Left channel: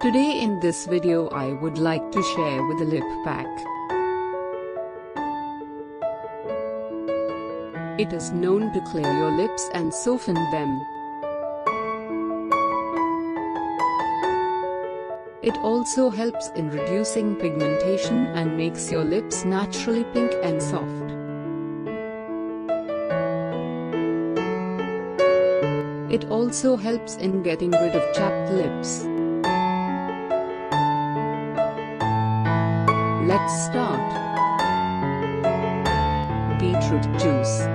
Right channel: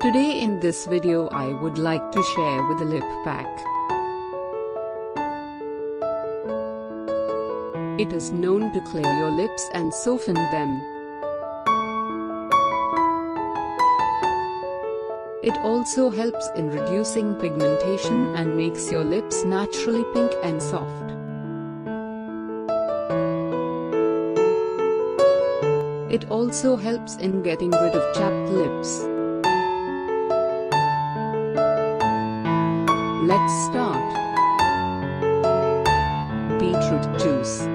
Today in this video I would like to share with a lip pack. It is known to clear your lips and soften them. It also helps in reducing pigmentation and makes your lips naturally pink and soft. It also helps in getting rid of chapped lips. Let's start. Beetroot juice.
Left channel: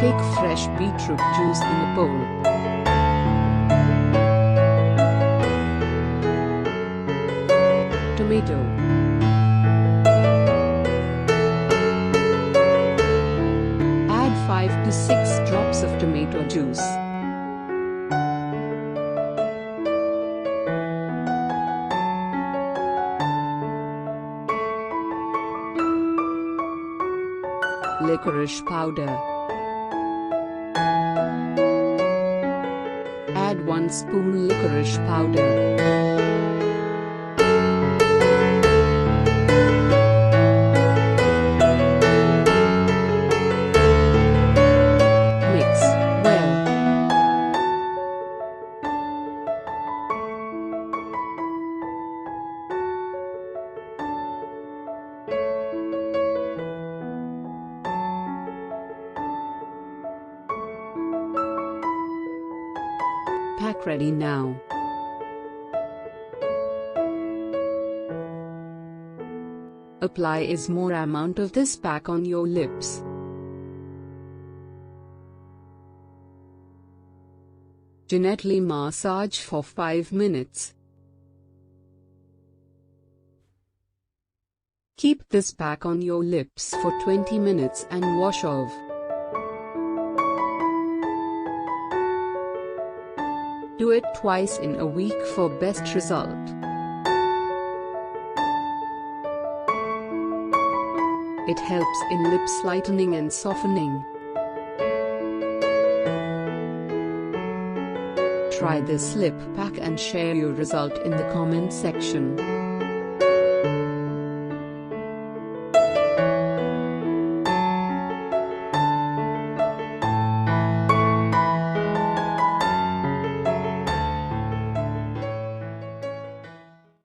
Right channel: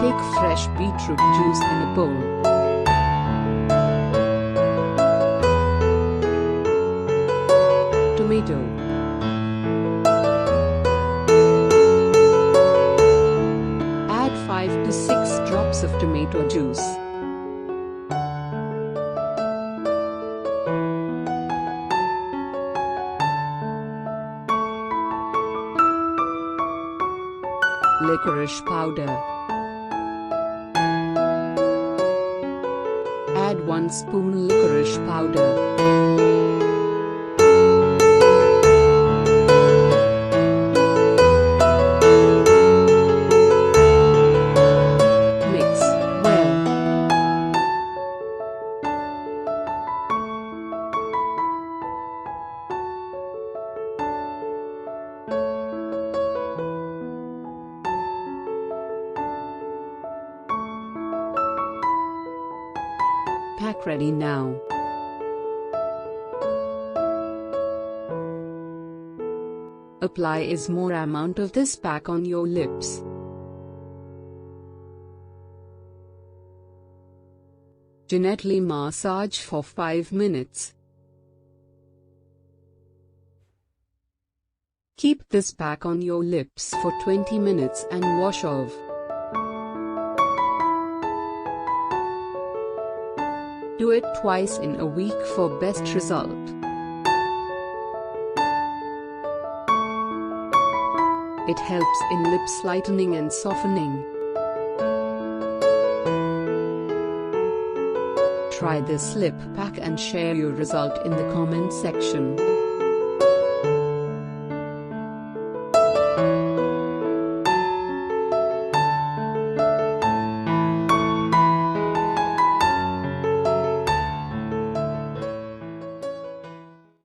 Take fresh beetroot juice in a bowl. Tomato. Add 5 to 6 drops of tomato juice. Licorice powder. Add 1 spoon licorice powder. Mix well. Pack ready now. Apply a more amount of this pack on your lips. Gently massage for 5 minutes. Keep this pack on your lips for 20 minutes and wash off. Do it twice in a week for best result. It helps in lips lightening and softening. Try this lip pack and share your result in the comment section.